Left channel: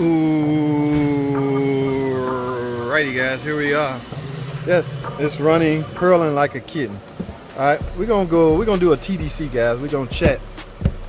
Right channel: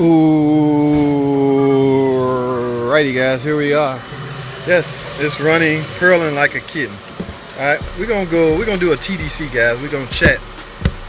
Ooh, righty guys, here we are. Yes, it's running, purling like a kitten. All right, we're gonna do a TDC, guys. We're gonna chat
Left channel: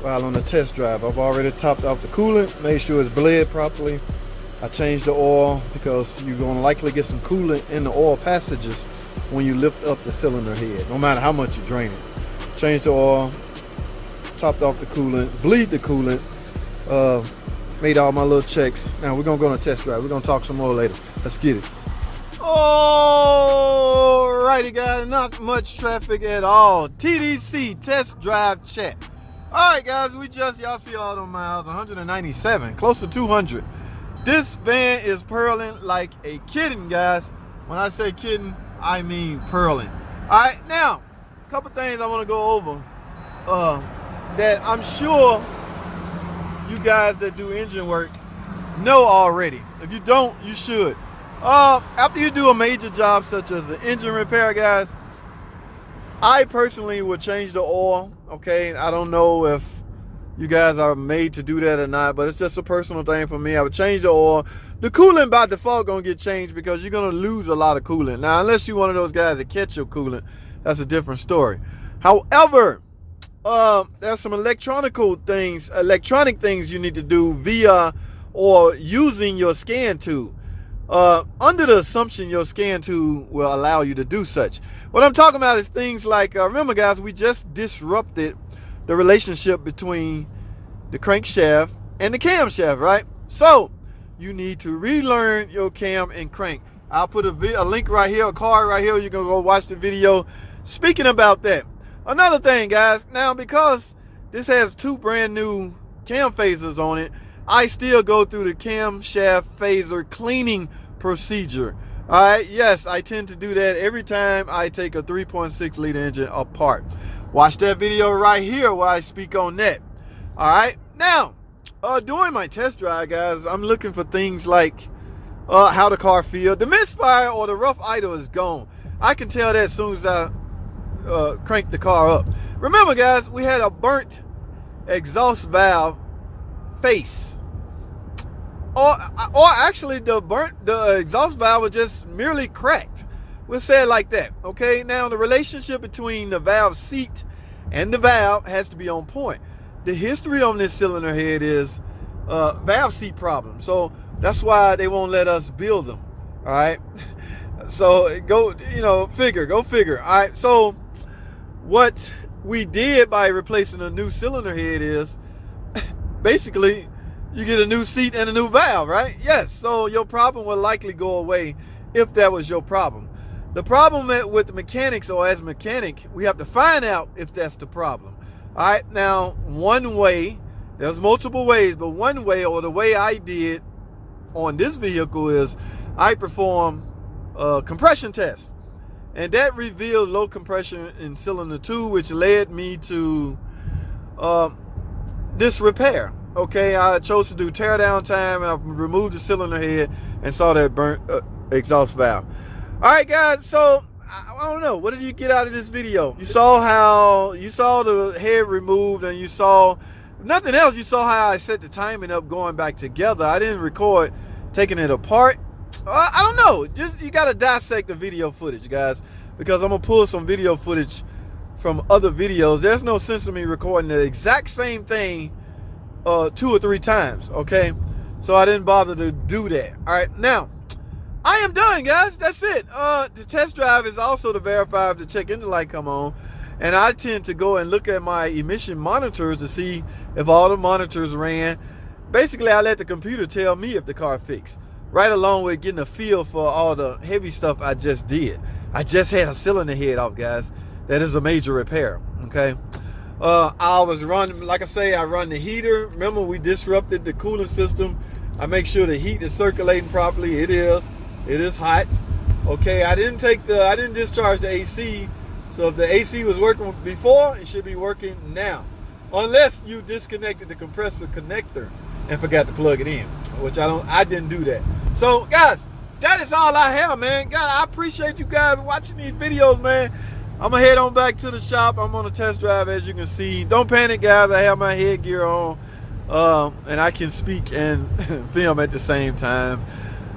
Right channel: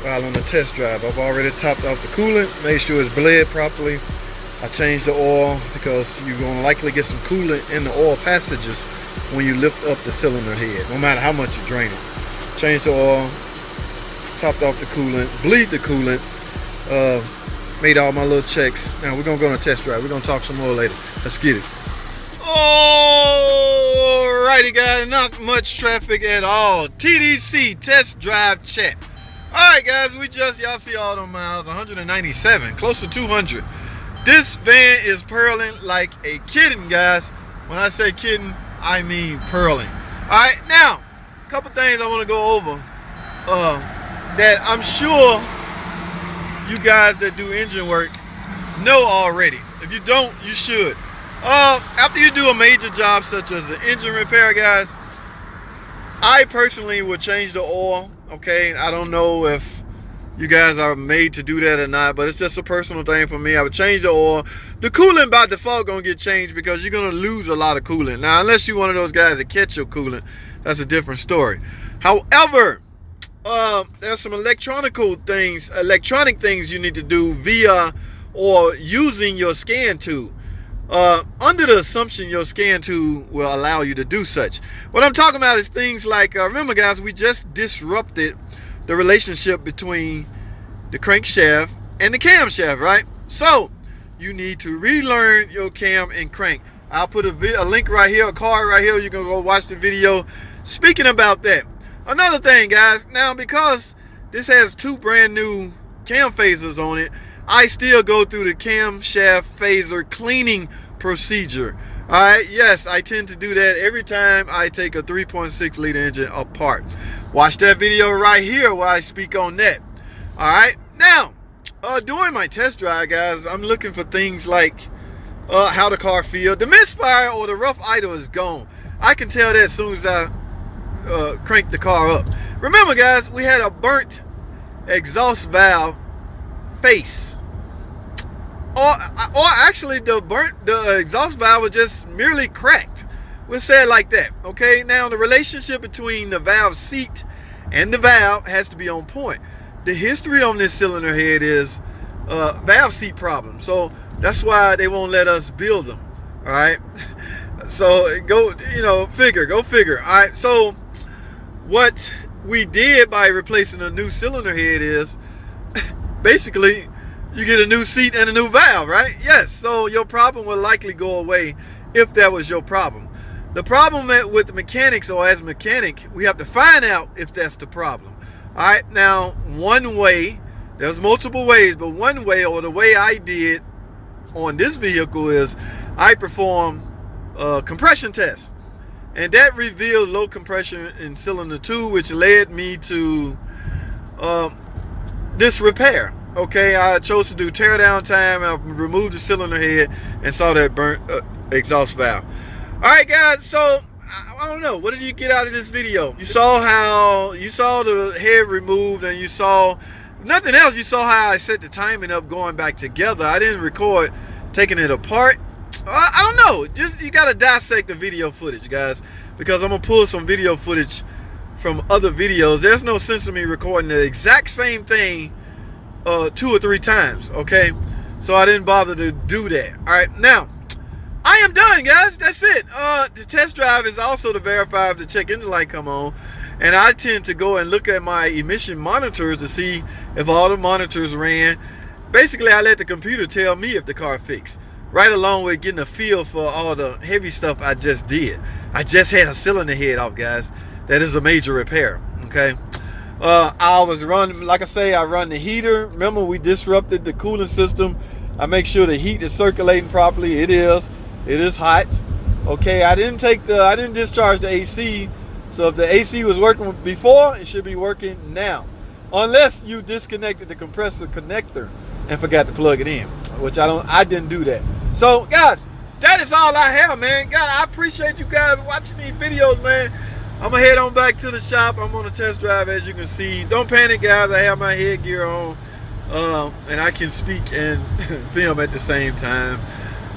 while on the test drive. I've already topped off the coolant, made sure it's bled properly. I changed the oil because you're gonna likely get some coolant in the oil passages when you lift up the cylinder head, no matter how much you drain it. Changed the oil, topped off the coolant, bleed the coolant, made all my little checks. Now we're gonna go on a test drive. We're gonna talk some more later. Let's get it. Alrighty guys, not much traffic at all. TDC, test drive chat. Alright guys, y'all see all those miles, 197, close to 200. This van is purling like a kitten, guys. When I say kitten, I mean purling. Alright, now, a couple things I wanna go over that I'm sure you guys that do engine work know already. If you don't, you should. After you do a major job such as an engine repair, guys, I personally would change the oil. Okay, I don't know if you guys are made to do that or not, but it's just a personal thing for me. I would change the oil. The coolant by default gonna get changed because you're gonna lose a lot of coolant. Now, unless you're one of those guys that catch your coolant, that's a different story. However, there's some electronic things you need to do via or using your scan tool. Under the assumption your scan tool will allow you to do such. What I'm talking about is things like, remember guys, we just disrupted the relationship between the crankshaft and the camshaft, right? So you need to relearn your cam and crank. I'll put a link right here, a card right here. You can go watch the video speaking about that. Another thing, guys, now because this has two brand new cam phasers on it, I still go through the camshaft phaser cleaning procedure. All right, yes, I tend to do that every time I take a 3.6 liter engine apart. Watch that video right here where I speak on that. All right, now, during my test drive, guys, I'm looking for things like how the car feels. The misfire or the rough idle is gone. I can tell that as soon as I crank the car up. Remember guys, we had a burnt exhaust valve face, or actually the exhaust valve was just merely cracked. We'll say it like that. Okay, now the relationship between the valve seat and the valve has to be on point. The history on this cylinder head is valve seat problem, so that's why they won't let us build them. All right, so go figure. All right, so what we did by replacing a new cylinder head is basically you get a new seat and a new valve, right? Yes, so your problem will likely go away if that was your problem. The problem with the mechanics, or as a mechanic, we have to find out if that's the problem. All right, now one way, there's multiple ways, but one way, or the way I did on this vehicle, is I performed a compression test. And that revealed low compression in cylinder 2, which led me to this repair. Okay, I chose to do tear down time, and I removed the cylinder head and saw that burnt exhaust valve. All right, guys, so I don't know, what did you get out of this video? You saw the head removed, and you saw nothing else. You saw how I set the timing up going back together. I didn't record taking it apart. I don't know, just you gotta dissect the video footage, guys, because I'm gonna pull some video footage from other videos. There's no sense in me recording the exact same thing 2 or 3 times. Okay, so I didn't bother to do that. All right, now I am done, guys. That's it. The test drive is also to verify if the check engine light come on, and I tend to go and look at my emission monitors to see if all the monitors ran. Basically, I let the computer tell me if the car fixed, right along with getting a feel for all the heavy stuff I just did. I just had a cylinder head off, guys. That is a major repair. Okay, I was running, like I say, I run the heater. Remember, we disrupted the cooling system. I make sure the heat is circulating properly. It is hot. Okay, I didn't discharge the AC. So if the AC was working before, it should be working now, unless you disconnected the compressor connector and forgot to plug it in, which I didn't do that. So guys, that is all I have, man. God, I appreciate you guys watching these videos, man. I'm gonna head on back to the shop. I'm on a test drive, as you can see. Don't panic, guys. I have my headgear on. and I can speak and film at the same time.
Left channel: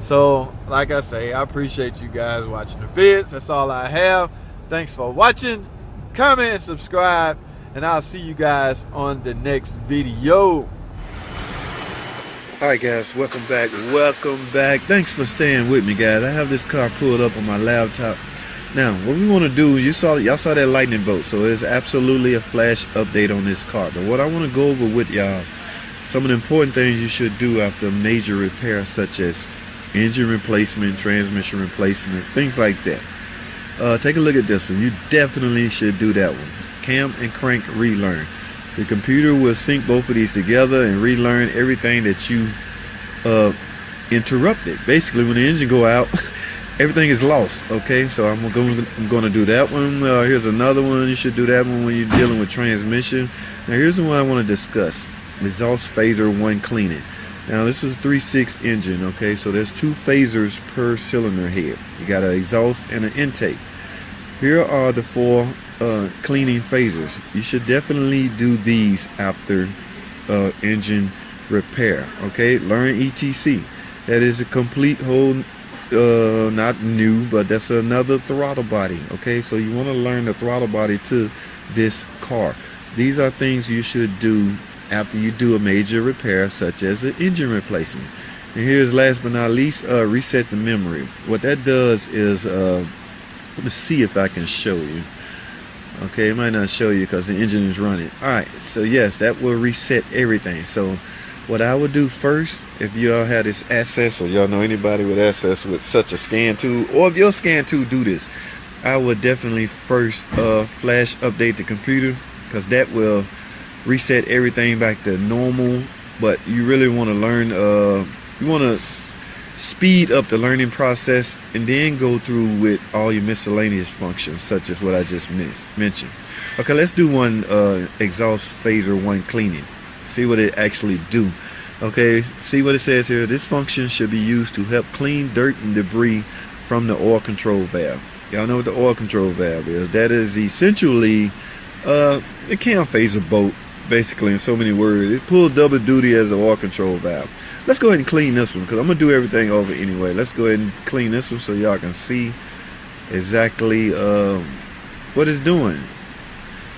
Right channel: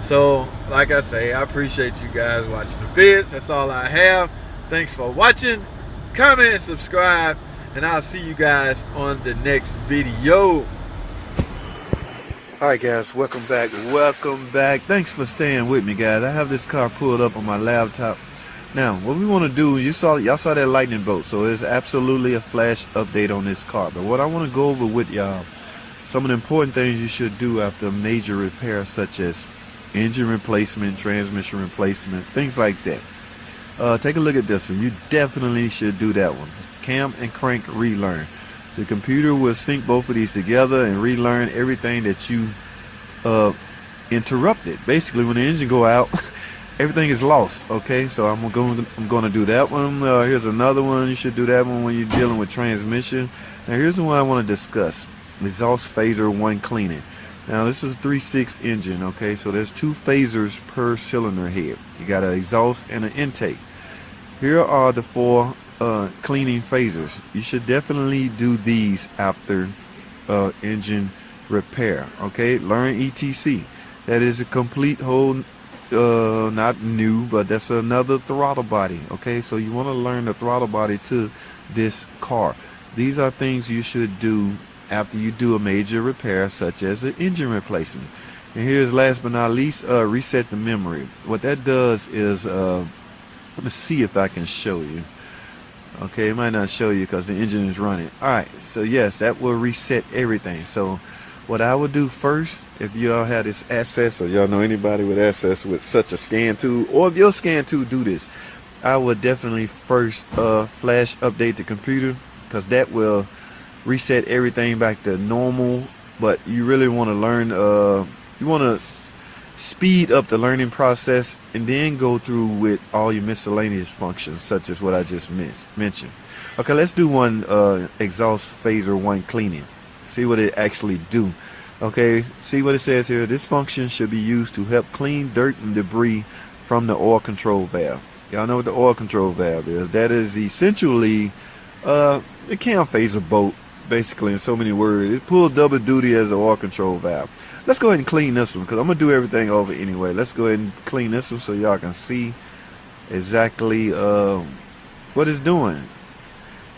So like I say, I appreciate you guys watching the vids. That's all I have. Thanks for watching. Comment, subscribe, and I'll see you guys on the next video. Alright guys, welcome back. Thanks for staying with me, guys. I have this car pulled up on my laptop. Now, what we want to do, y'all saw that lightning bolt, so it's absolutely a flash update on this car. But what I want to go over with y'all, some of the important things you should do after a major repair, such as engine replacement, transmission replacement, things like that. Take a look at this one. You definitely should do that one. Cam and crank relearn. The computer will sync both of these together and relearn everything that you interrupted. Basically, when the engine go out, everything is lost. Okay, so I'm going to do that one. Here's another one. You should do that one when you're dealing with transmission. Now, here's the one I want to discuss: exhaust phaser 1 cleaning. Now, this is a 3.6 engine. Okay, so there's 2 phasers per cylinder head. You got an exhaust and an intake. Here are the 4 cleaning phasers. You should definitely do these after engine repair. Okay, learn ETC. That is a complete whole, not new, but that's another throttle body. Okay, so you want to learn the throttle body to this car. These are things you should do after you do a major repair, such as an engine replacement. And here's last but not least, reset the memory. What that does is, let me see if I can show you. Okay, it might not show you because the engine is running. Alright, so yes, that will reset everything. So what I would do first, if y'all had this access, or y'all know anybody with access with such a scan tool, or if your scan tool do this, I would definitely first flash update the computer, because that will reset everything back to normal. But you really want to learn, you want to speed up the learning process and then go through with all your miscellaneous functions, such as what I just mentioned. Okay, let's do one exhaust phaser 1 cleaning. See what it actually do. Okay, see what it says here. This function should be used to help clean dirt and debris from the oil control valve. Y'all know what the oil control valve is. That is essentially the cam phaser bolt, basically, in so many words. It pulls double duty as the oil control valve. Let's go ahead and clean this one, because I'm going to do everything over anyway. Let's go ahead and clean this one so y'all can see exactly what it's doing.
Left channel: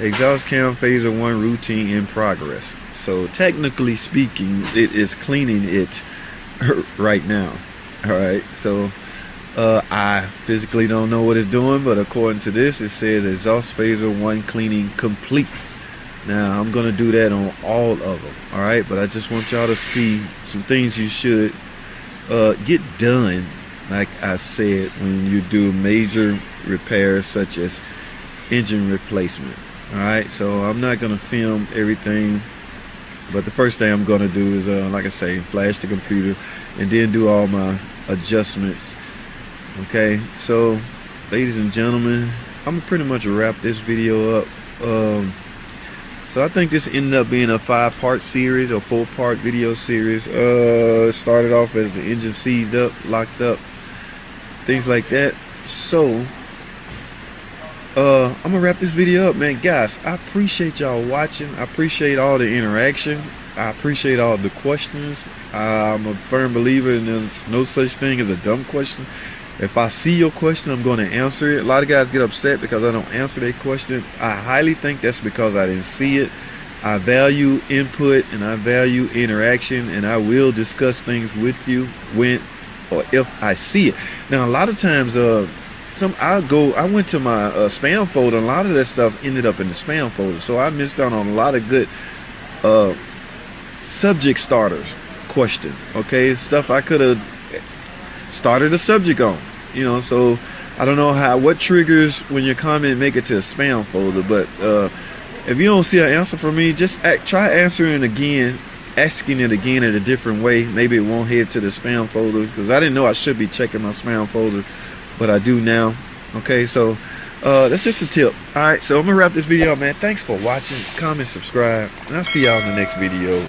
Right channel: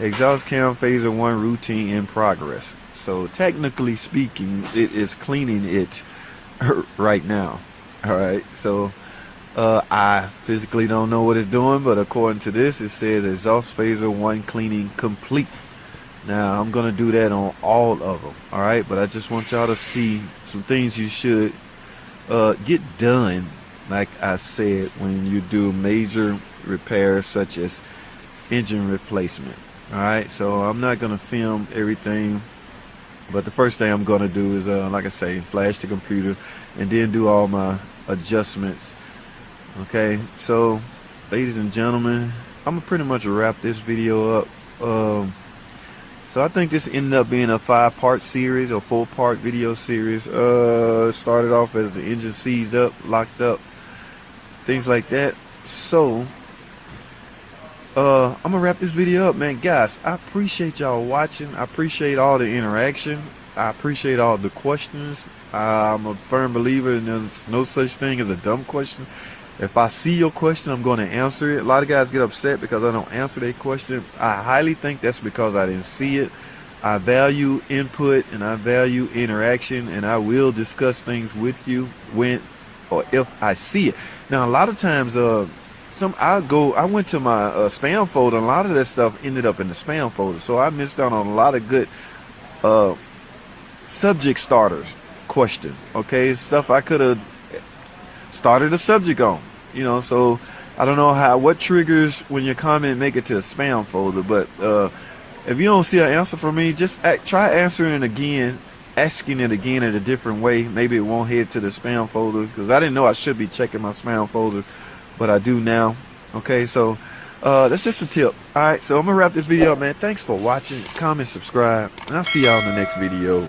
Exhaust cam phaser 1 routine in progress. So technically speaking, it is cleaning it right now. Alright, so I physically don't know what it's doing, but according to this, it says exhaust phaser 1 cleaning complete. Now, I'm going to do that on all of them, alright? But I just want y'all to see some things you should get done, like I said, when you do major repairs such as engine replacement, alright? So I'm not going to film everything, but the first thing I'm going to do is, like I say, flash the computer and then do all my adjustments, okay? So, ladies and gentlemen, I'm going to pretty much wrap this video up. So I think this ended up being a 5-part series or 4-part video series. It started off as the engine seized up, locked up, things like that. So I'm gonna wrap this video up, man. Guys, I appreciate y'all watching. I appreciate all the interaction. I appreciate all the questions. I'm a firm believer in there's no such thing as a dumb question. If I see your question, I'm going to answer it. A lot of guys get upset because I don't answer their question. I highly think that's because I didn't see it. I value input and I value interaction, and I will discuss things with you when or if I see it. Now, a lot of times, I went to my spam folder, and a lot of that stuff ended up in the spam folder. So I missed out on a lot of good subject starters question. Okay, stuff I could have started a subject on, you know. So I don't know what triggers when your comment make it to a spam folder, but if you don't see an answer from me, just try answering it again, asking it again in a different way. Maybe it won't head to the spam folder, because I didn't know I should be checking my spam folder, but I do now. Okay, so that's just a tip. All right, so I'm gonna wrap this video up, man. Thanks for watching. Comment, subscribe, and I'll see y'all in the next video.